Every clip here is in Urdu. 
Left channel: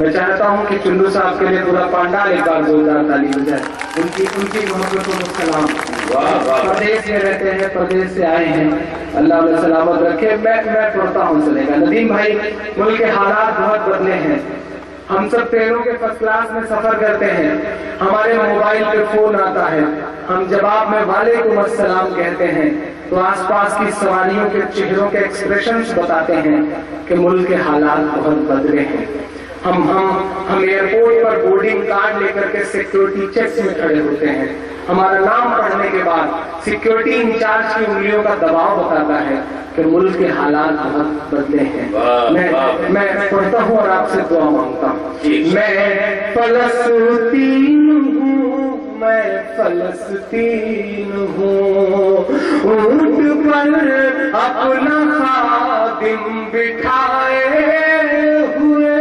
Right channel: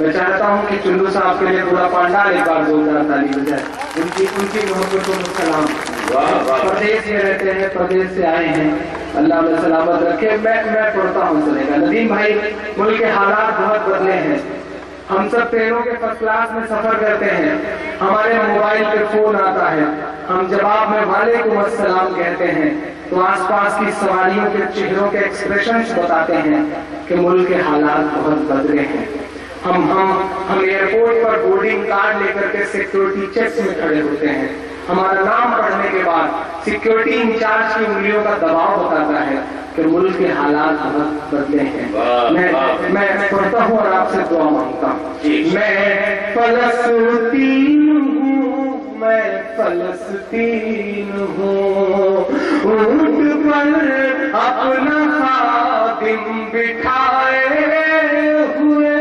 میں چاہتا ہوں کہ چندو صاحب کے لیے پورا پانڈال ایک بار زوردار تالی ہو جائے. ان کی محبت و سلام. پردیش میں رہتے ہیں, پردیش سے آئے ہیں, اللہ میں سلامت رکھے. میں پڑھتا ہوں چلے گا. ندیم بھائی, ملک کے حالات بہت بدلے ہیں. ہم سب ٹرینوں کے فرسٹ کلاس میں سفر کرتے ہیں, ہمارے موبائل پہ فون آتا ہے, ہم جواب میں وعلیکم السلام کہتے ہیں تو آس پاس کی سواریوں کے چہروں کے ایکسپریشنز بتاتے ہیں کہ ملک کے حالات بہت بدلے ہیں. ہم ایئرپورٹ پر بورڈنگ کارڈ لے کر کے سیکیورٹی چیکس میں کھڑے ہوتے ہیں. ہمارا نام پڑھنے کے بعد سیکیورٹی انچارج کی انگلیوں کا دباؤ بتاتا ہے کہ ملک کے حالات بہت بدلے ہیں. میں پڑھتا ہوں اور آپ سے دعا مانگتا ہوں. میں فلسطین ہوں, میں فلسطین ہوں, اونٹ پر اپنا خادم بٹھائے ہوئے,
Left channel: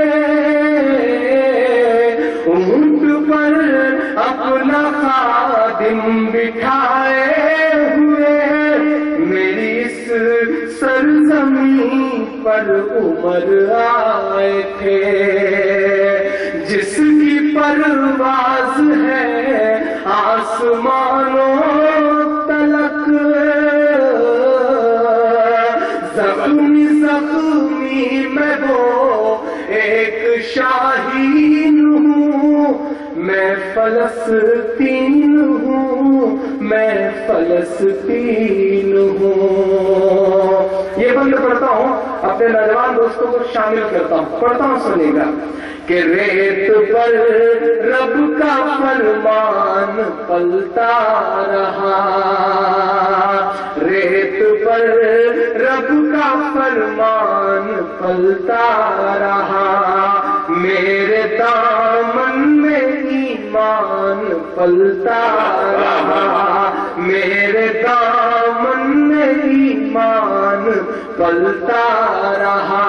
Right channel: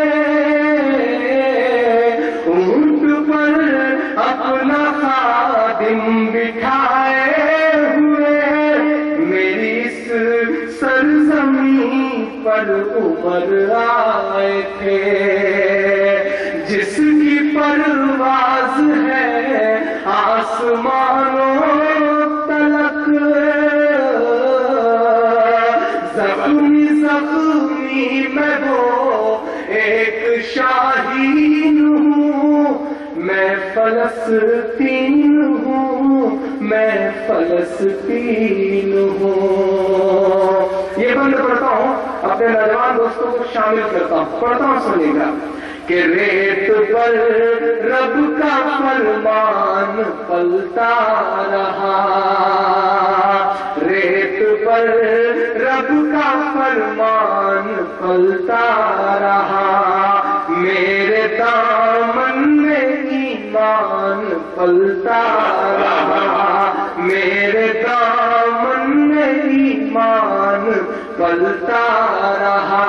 اونٹ پر اپنا خادم بٹھائے ہوئے, میری اس سرزمین پر عمر آئے تھے, جس کی پرواز ہے آسمانوں تلک, زخمی زخمی میں وہ ایک شاہین ہوں, میں فلسطین ہوں, میں فلسطین ہوں. یہ بند پڑھتا ہوں, اپنے نوجوان دوستوں کو شامل کرتا ہوں, پڑھتا ہوں سنیے گا. کہ ریت پر رب کا فرمان پلتا رہا, ریت پر رب کا فرمان پلتا رہا, میرے دامن میں ایمان پلتا رہا, میرے دامن میں ایمان پلتا رہا,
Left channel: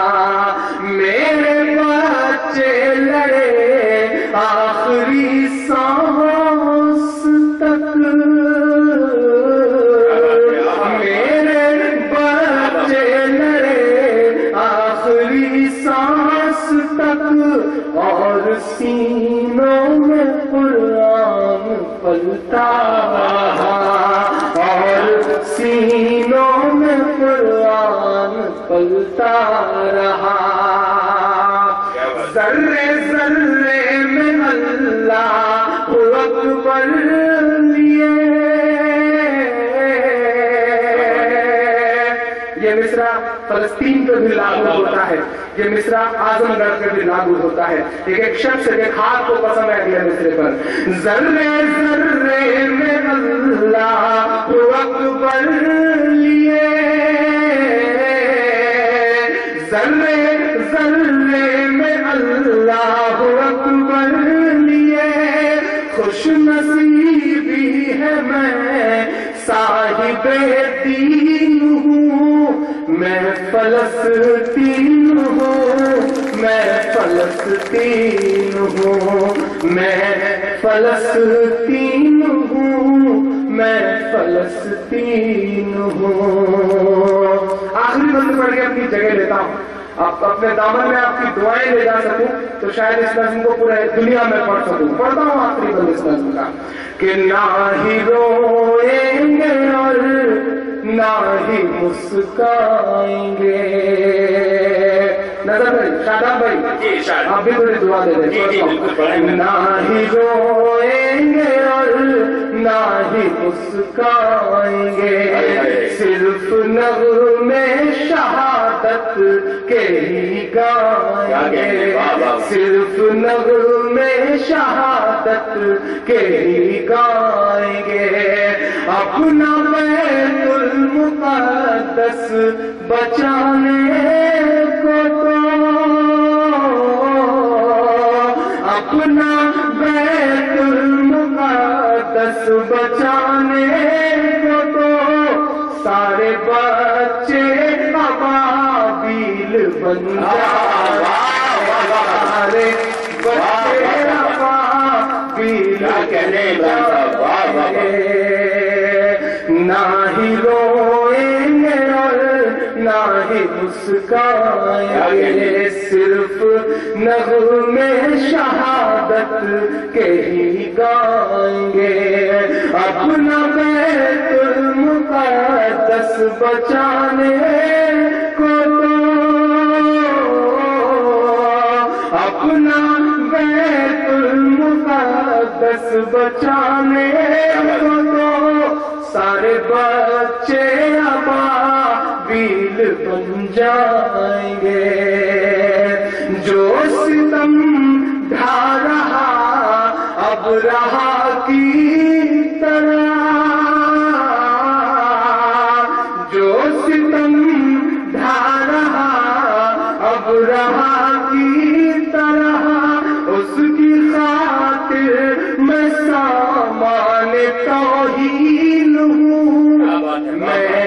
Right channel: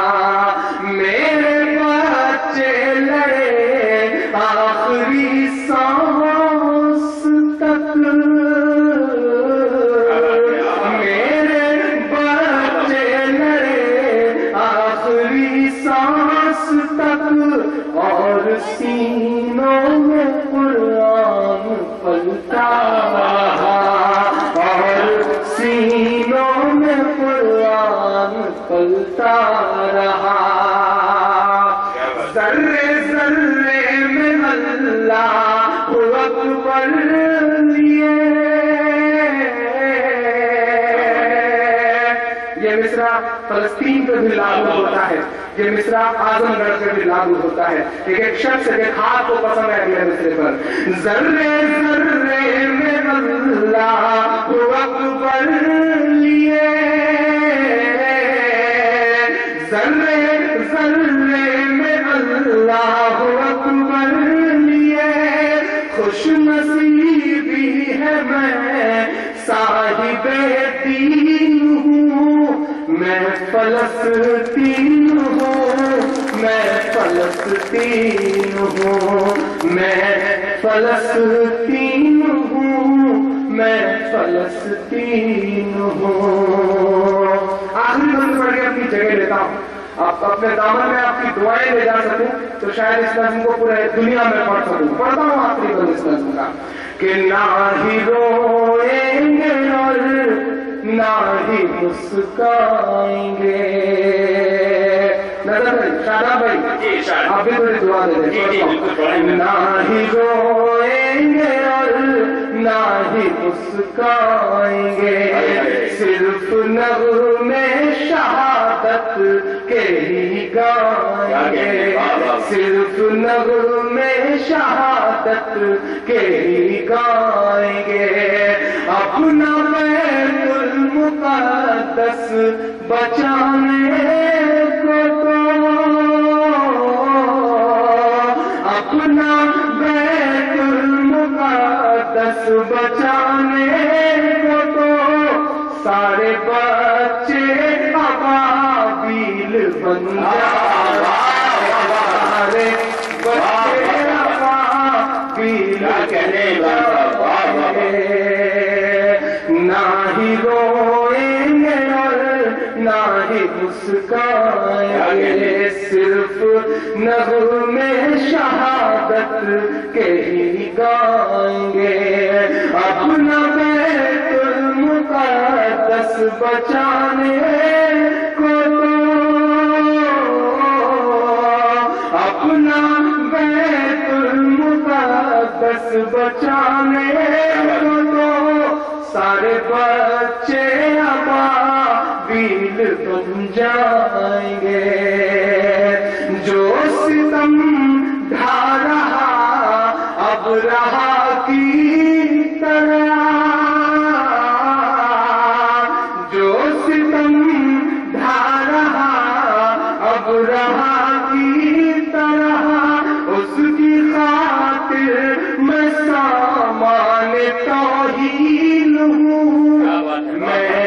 میرے بچے لڑے آخری سانس تک, میرے بچے لڑے آخری سانس تک, اور سینوں میں قرآن پلتا رہا, اور سینوں میں قرآن پلتا رہا. ذرے ذرے میں اللہ اکبر لیے. یہ مصرع فلسطین پہ بھی لاگو ہوتا ہے, یہ مصرع اعظم گڑھ پہ بھی لاگو ہوتا ہے. ایک شخص کے ہاتھ کو پسند ہے اگلے مصرے پر. ذرے ذرے میں اللہ اکبر لیے, ذرے ذرے میں اللہ اکبر لیے, خوش نصیبی ہے میں صاحب دین ہوں, میں فلسطین ہوں, میں فلسطین ہوں, میں فلسطین ہوں, میں فلسطین ہوں. آخری بند پڑھ کے اپنی جگہ لیتا ہوں. آپ اپنے دامن میں آپ کی دعائیں لے جا سکوں تو شاید اس نظم کو پورے دنیا میں پڑھ سکوں. پڑھتا ہوں آخری بند اس نظم کا. کہ نہ ہی روئیں گے اور نہ ہی مسکائیں گے. نظر شاداب بھائی آپ بھی تھوڑی دعا دے دیں. نہ ہی روئیں گے اور نہ ہی مسکائیں گے, صرف نغمے شہادت کے ہی گائیں گے, صرف نغمے شہادت کے ہی گائیں گے. اپنا بیت المقدس بچانے کو تو, اپنا بیت المقدس بچانے کو تو, سارے بچے ابابیل بن جائیں, سارے بچے ابابیل بن جائیں. نہ ہی روئیں گے اور نہ ہی مسکائیں گے, صرف نغمے شہادت کے ہی گائیں گے. اپنا بیت المقدس بچانے کو تو اپنا بیت المقدس بچانے کو تو سارے بچے ابابیل بن جائیں گے. جو ستم ڈھا رہا اب رہا کی طرح، جو ستم ڈھا رہا اب رہا کی طرح، اس کی خاطر میں سامان توہین ہوں. میں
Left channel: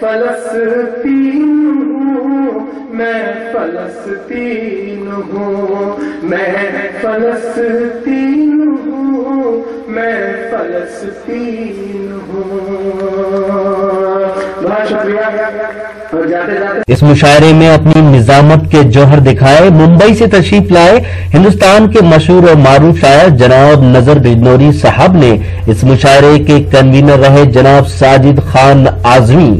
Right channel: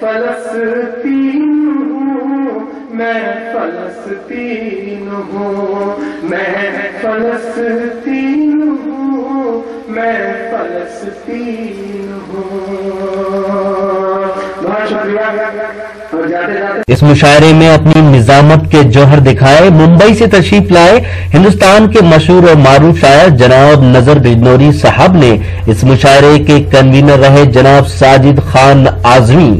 فلسطین ہوں، میں فلسطین ہوں، میں فلسطین ہوں، میں فلسطین ہوں. بہت شکریہ. اور جاتے جاتے اس مشاعرے میں اپنی نظامت کے جوہر دکھائے ممبئی سے تشریف لائے ہندوستان کے مشہور اور معروف شاعر جناب نذر بجنوری صاحب نے. اس مشاعرے کے کنوینر رہے جناب ساجد خان اعظمی.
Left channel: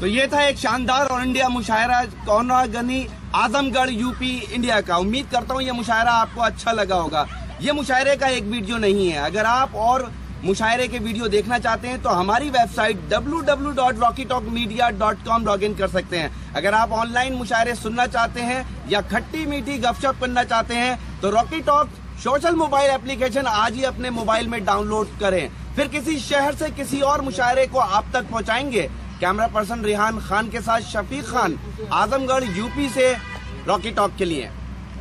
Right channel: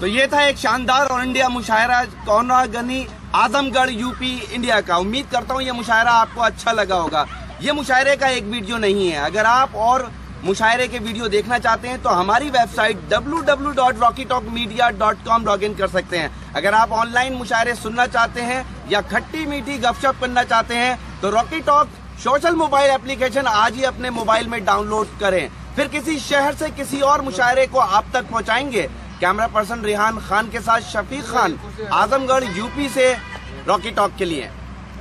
تو یہ تھا ایک شاندار اور انڈیا مشاعرہ کونرا گنی اعظم گڑھ یو پی انڈیا کا. امید کرتا ہوں یہ مشاعرہ آپ کو اچھا لگا ہوگا. یہ مشاعرے کا ایک ویڈیو نہیں ہے. اگر آپ اور مشاعرے کے ویڈیو دیکھنا چاہتے ہیں تو ہماری web site www.rockytalkmedia.com log in کر سکتے ہیں. اگر آپ آن لائن مشاعرے سننا چاہتے ہیں یا کھٹی میٹھی گپ شپ کرنا چاہتے ہیں تو راکی ٹاک سوشل موبائل اپلیکیشن آج ہی اپنے موبائل میں ڈاؤن لوڈ کریں. پھر کسی شہر سے کسی اور مشاعرے کو آپ تک پہنچائیں گے. کیمرہ پرسن ریحان خان کے ساتھ شفیق خان، اعظم گڑھ یو پی سے راکی ٹاک کے لیے.